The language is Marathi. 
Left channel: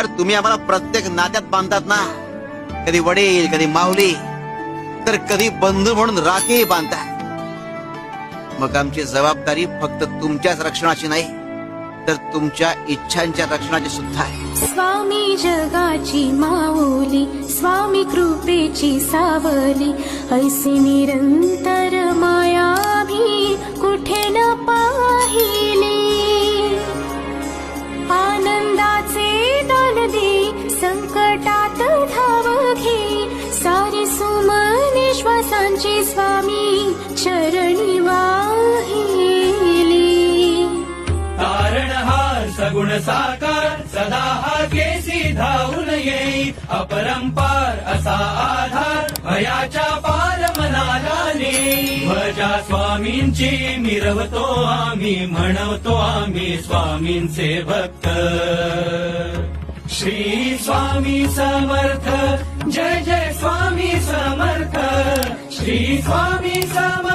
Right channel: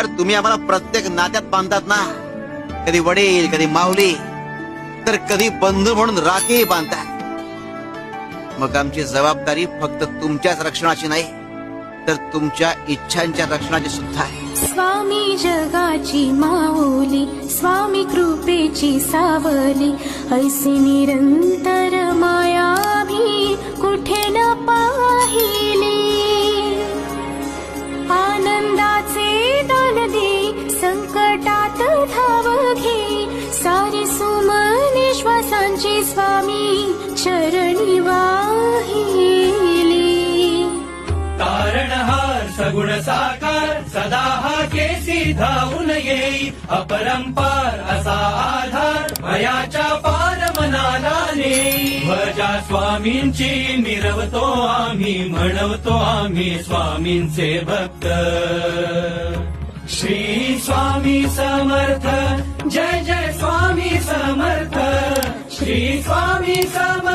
तर तुम्ही आम्हाला प्रत्येक नात्यात बांधतात ना, कधी वडील, कधी माऊली, तर कधी बंधू म्हणून राखी बांधतात. मग आमची जबाबदारी फक्त तुमच्याच रक्षणाची नाही, तर तुमच्या इच्छांच्या रक्षणाची सुद्धा आहे. स्वामी जगाची माऊली, स्वामी कृपेची सावली, ऐसी निरंतर माया भी कुठे न पाहिली. आनंदाचे दान दे, संकटात धाव घे, सारी सुमने श्वासांची स्वामी चरणी वाहिली. तारणहार सगुण साकार, सदा हा केसी धावून येई, अपरंपार असा आधार, भयाच्या पार मनाला नेई. भजा स्वामींची मिरवतो आम्ही, म्हणवतो आम्ही स्वामींचे भक्त. श्री स्वामी समर्थ, जय जय स्वामी समर्थ, श्री स्वामी समर्थ.